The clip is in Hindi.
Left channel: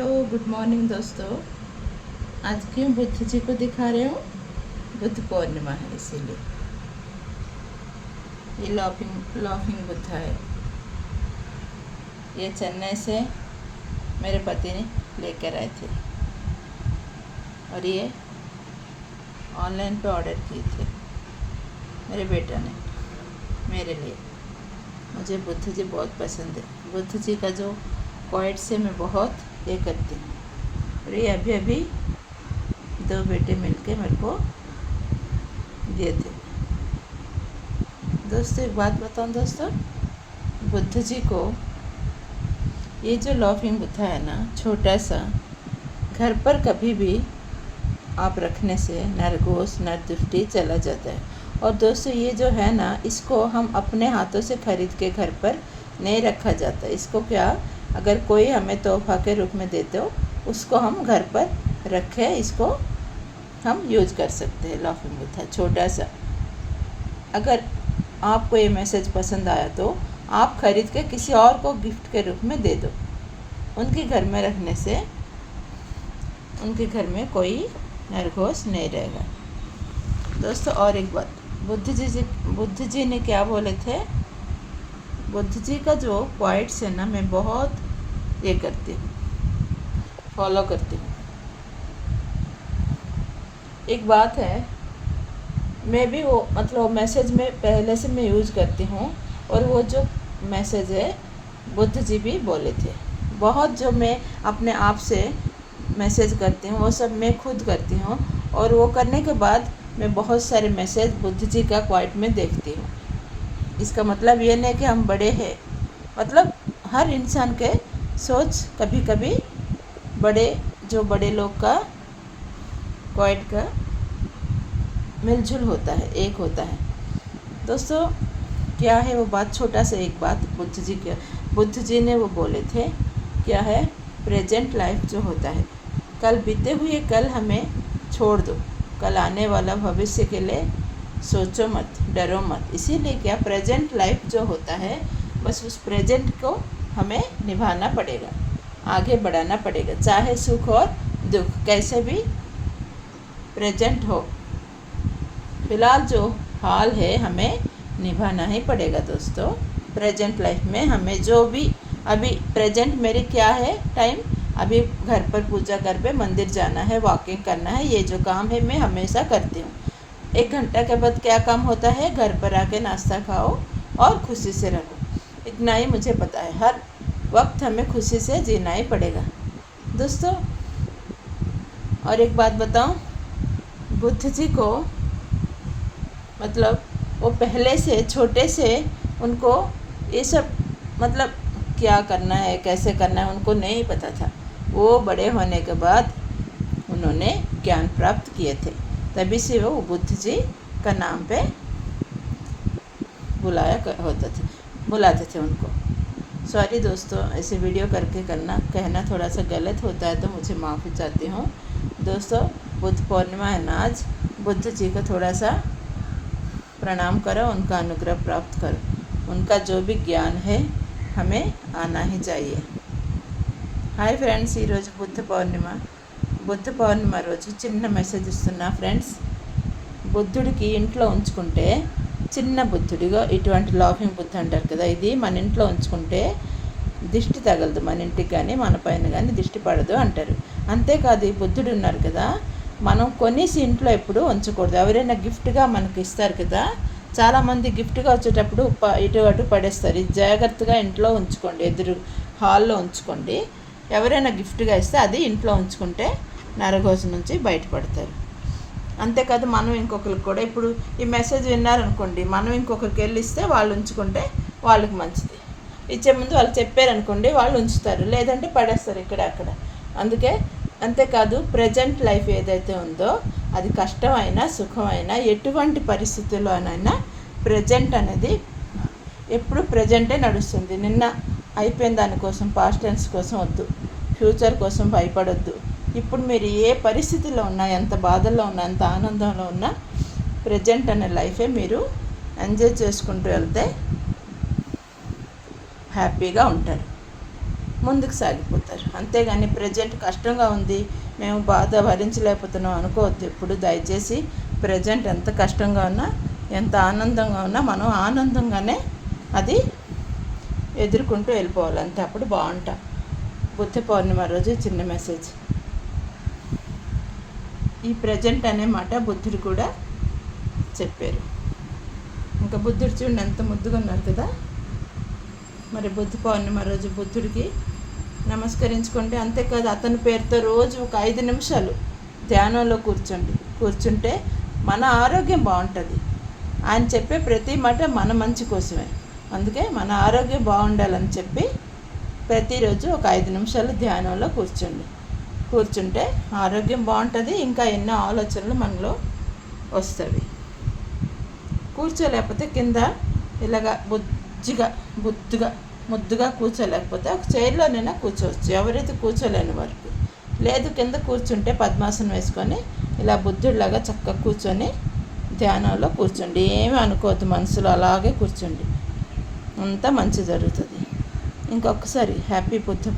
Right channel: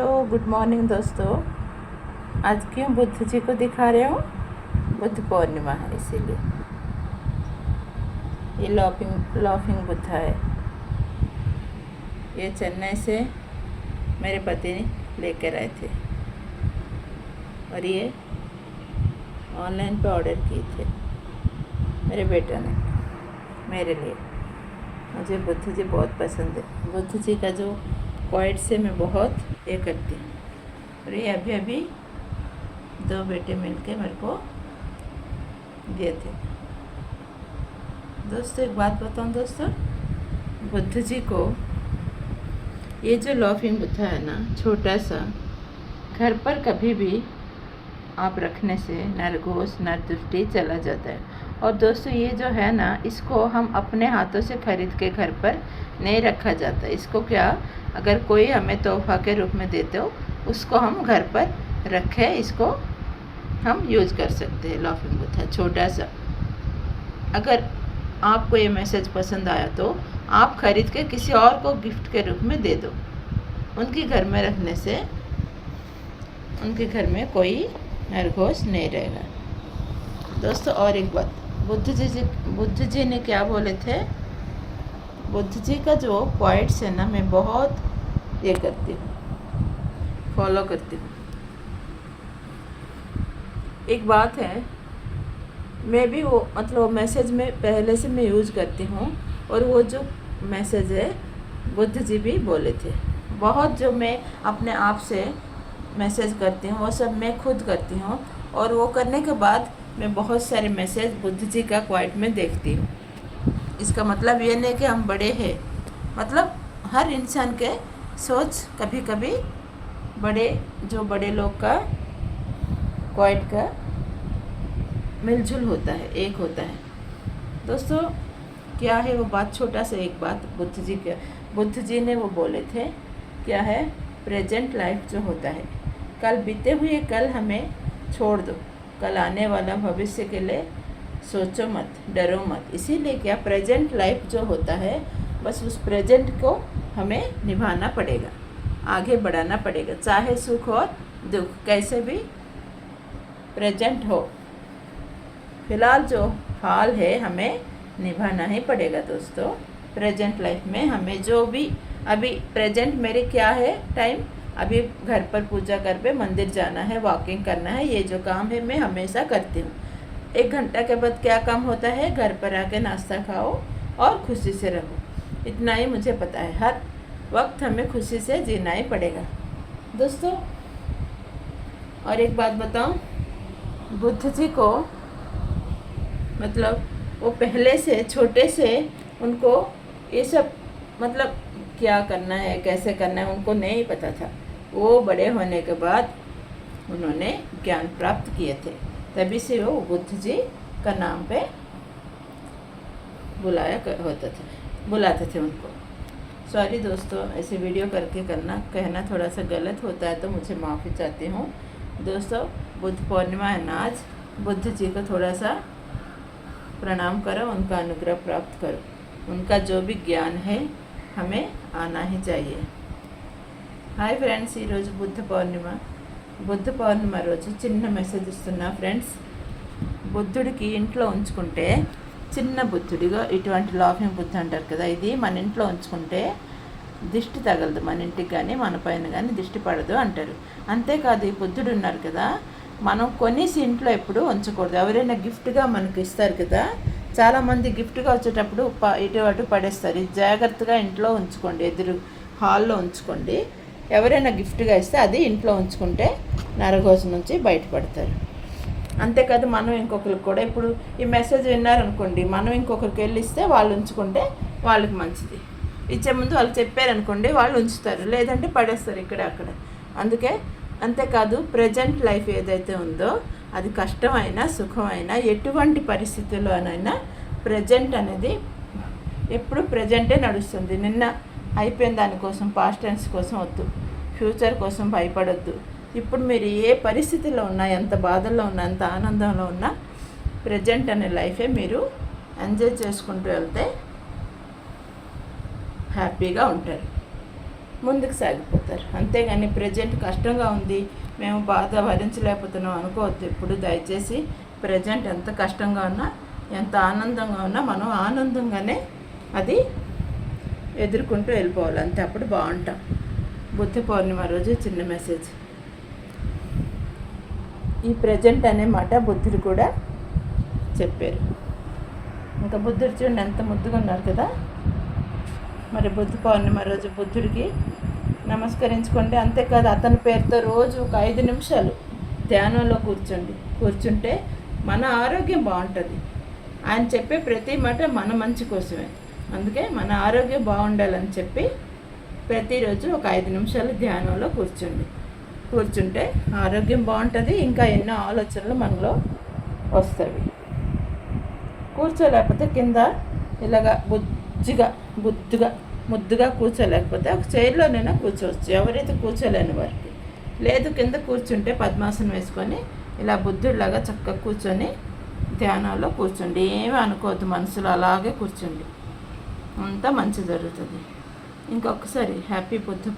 हेलो गुड मॉर्निंग दोस्तों। आज क्यों बुद्ध जी को दिखा रहे हो? बुद्ध पूर्णिमा है इसीलिए। ये लाफिंग बुद्धा है। ये चेन्नई से मेरे पति ने लेकर आए थे और ये ऑनलाइन पे ऑर्डर किए थे मेरे बेटे ने मेरे लिए। मुझे बुद्ध जी बहुत पसंद है। बुद्ध जी का जो क्वाइट से मैं बहुत ये करती हूँ। और ये अभी अभी 2 बेटे मिलके मेरे को दिए थे। दोस्तों एक बात बताऊँ दोस्तों, बुद्ध जी को ये जो लाफिंग बुद्धा है ना, छोटा सा, घर पर कभी भी आप रखने से नरघोष नरदृष्टि चला जाता है। और दोस्तों ये जो है ना, इसको हम अपने हाथों से खरीद के घर पर नहीं रखा जाता। इसको क्या, अगर कोई हमें तोहफा के रूप में देते हो, उसको हम घर पर रखें, इसको हम यूज़ कर सकते हैं। लाफिंग बुद्धा छोटा सा। अगर आपको ये मैसेज पसंद आया तो आप खरीद के किसी और को गिफ्ट के रूप में दे दो। उनके घर में रखने से उनके घर में कोई नरघोष नहीं रहेगा। दोस्तों और एक बात, बुद्ध जी ने क्या बोले थे? बुद्ध जी का जो क्वाइट्स है ना, मैं बहुत ये करती हूँ, फॉलो करती हूँ। एक बात है, मैं भी वो मतलब मैसेज में पहले से मैं यूज़ करती हूँ। और वो जो मैसेज है बुद्ध जी भी बोले थे। बहुत जो मैं अपने आप से मैसेज करती हूँ वो सब मैं खुद करती हूँ। और वो करने के बाद मैं बहुत सारे मैसेज बुद्ध जी का क्वाइट में देखती हूँ। इसका मतलब ये नहीं कि हम बड़े हैं, मतलब हर इंसान के सोच कभी कभी बड़े लोग का क्वाइट का मिलजुल होता है, एक होता है। दोस्तों क्या है वो बात, छोटा सा एक बात बुद्ध जी ने वो बोले थे, क्या है? प्रेजेंट लाइफ जो होता है, कल बीते हुए कल हमें छोड़ दो, कल आने वाला भविष्य के लिए सोचो मत, डरो मत। इसीलिए क्या, प्रेजेंट लाइफ जो होता है, बस उस प्रेजेंट को हमें निभाना पड़ेगा, आगे बढ़ाना पड़ेगा, चाहे सुख और दुख कैसे भी प्रेजेंट हो। फिलहाल जो हाल है हमें निभाना ही पड़ेगा दोस्तों। प्रेजेंट लाइफ में हमें जो भी अभी प्रेजेंट मेरे क्या है टाइम, अभी घर पर पूजा कर पे मंदिर जाना है, वॉकिंग करना है, ये जो काम है मैं हमेशा करती हूँ। 1 घंटा के बाद क्या काम होता है? घर पर आके नाश्ता खाओ और खुशी से रहो। इतना ही मुझे पता है। हर वक्त हमें खुशी से जीना ही पड़ेगा दोस्तों। और एक बात बताऊँ, बुद्ध जी को मतलब वो पहले से छोटे से उनको ये सब मतलब क्या करना है, कैसे करना है, उनको नहीं पता था। वो बड़े होने के बाद उन्होंने ज्ञान प्राप्त किए थे, तभी से वो बुद्ध जी का नाम पे बुलाते थे उनको। सॉरी दोस्तों, ऐसे वीडियो करके कहना थोड़ा सा गलत होता है तो मुझे माफ़ी चाहती हूँ दोस्तों। बुद्ध पूर्णिमा है ना आज, बुद्ध जी को थोड़ा सा प्रणाम करो, उनका अनुग्रह प्राप्त करो। उनका जो भी ज्ञान है हमें आना ही चाहिए। హాయ్ ఫ్రెండ్స్, ఈరోజు బుద్ధ పౌర్ణిమ రోజు చిన్న మెసేజ్ ఇస్తున్నా ఫ్రెండ్స్. బుద్ధుడికి ఇంట్లో ఉంచుకుంటే, చిన్న బుద్ధుడిగా ఇటువంటి లాఫింగ్ బుద్ధ అంటారు కదా, ఇది మన ఇంట్లో ఉంచుకుంటే దిష్టి తగలదు, మన ఇంటికి కానీ మన పైన కానీ దిష్టి పడదు అంటారు. అంతేకాదు ఈ బుద్ధుడు ఉన్నారు కదా, మనం కొనేసి ఇంట్లో ఎప్పుడు ఉంచకూడదు. ఎవరైనా గిఫ్ట్గా మనకి ఇస్తారు కదా, చాలామంది గిఫ్ట్గా వచ్చేటప్పుడు ఇటు అటు పడేస్తారు. ఇది జాగ్రత్తగా ఇంట్లో ఉంచుకోండి, ఎదురు హాల్లో ఉంచుకోండి. ఎవరైనా గిఫ్ట్గా ఇస్తే అది ఇంట్లో ఉంచుకుంటే నరఘోష నుంచి బయటపడతారు. అంతేకాదు మనం ఇంకొకరికి కూడా, ఇప్పుడు ఈ మెసేజ్ విన్నారనుకోండి, మనం ఇంకొకరికి వెళ్ళి ఇస్తే వాళ్ళు ఉంచుకుంటే వాళ్ళకి మంచిది. ఇచ్చే ముందు వాళ్ళు చెప్పారనుకోండి, వాళ్ళు ఉంచుతారు, లేదంటే పడేస్తారు ఇక్కడ అక్కడ. అంతేకాదు ప్రజెంట్ లైఫ్ ఏదైతే ఉందో, అది కష్టమైనా సుఖమైనా ఎటువంటి పరిస్థితుల్లోనైనా ప్రజెంట్ అనేది ఎప్పుడు ప్రజెంటే నడుస్తుంది. నిన్న అయిపోయిన దానికోసం, పాస్ట్ టెన్స్ కోసం వద్దు, ఫ్యూచర్ కోసం భయపడొద్దు. ఇప్పుడు మీరు ఏ పరిస్థితిలో ఉన్నా, ఎంత బాధల్లో ఉన్నా, ఎంత ఆనందంలో ఉన్నా, ప్రజెంట్ అనే లైఫే మీరు ఎంజాయ్ చేసుకుంటూ వెళ్తే హ్యాపీగా ఉంటారు. ముందుకు సాగిపోతారు. అంతేగాని ప్రజెంట్ కష్టంగా ఉంది, మేము బాధ భరించలేకపోతున్నాం అనుకోవద్దు. ఎప్పుడు దయచేసి ప్రజెంట్ ఎంత కష్టంగా ఉన్నా, ఎంత ఆనందంగా ఉన్నా మనం ఆనందంగానే అది ఎదుర్కొంటూ వెళ్ళిపోవాలి. అంతే, అప్పుడు బాగుంటాం. బుద్ధ పౌర్ణిమ రోజు చిన్న మెసేజ్. ఈ ప్రజెంట్ అనే మాట బుద్ధుడు కూడా చెప్పారు. ఇంకా బుద్ధుడు చూడండి ఎంత ముద్దుగా ఉన్నారు కదా. మరి బుద్ధ పౌర్ణిమ రోజు బుద్ధుడికి నమస్కరించుకోండి. అంతేకాదు, అతని పేరుతో రోజు ఒక 5 నిమిషాలు ధ్యానంలో కూర్చుంటే మన ఆరోగ్యం బాగుంటుంది. ఆయన చెప్పే ప్రతి మాట మన మంచి కోసమే. అందుకే మన ఆరోగ్యం బాగుండాలని చెప్పి ప్రతిరోజు ఒక 5 నిమిషాలు ధ్యానంలో కూర్చుంటే ఆరోగ్యం బాగుంటుంది. ఇంకా ఎన్నో ఆలోచనలు మనలో వస్తాయి. కూర్చోలేకపోతే కింద ఇలాగా ముద్దుగా కూర్చోలేకపోతే ఒక చైర్లోనైనా కూర్చోవచ్చు, ఎవరైతే కూర్చోలేని వారికి. లేదు, కింద కూర్చుంటే పద్మాసనం వేసుకొని ఇలా బుద్ధుడిలాగా చక్కగా కూర్చొని ధ్యానంలో కూర్చోండి. ఏమీ అనుకోవద్దు, మనసులో అలాగే కూర్చోండి, అంతా మంచి జరుగుతుంది. ఇంకొకసారి హ్యాపీ బుద్ధ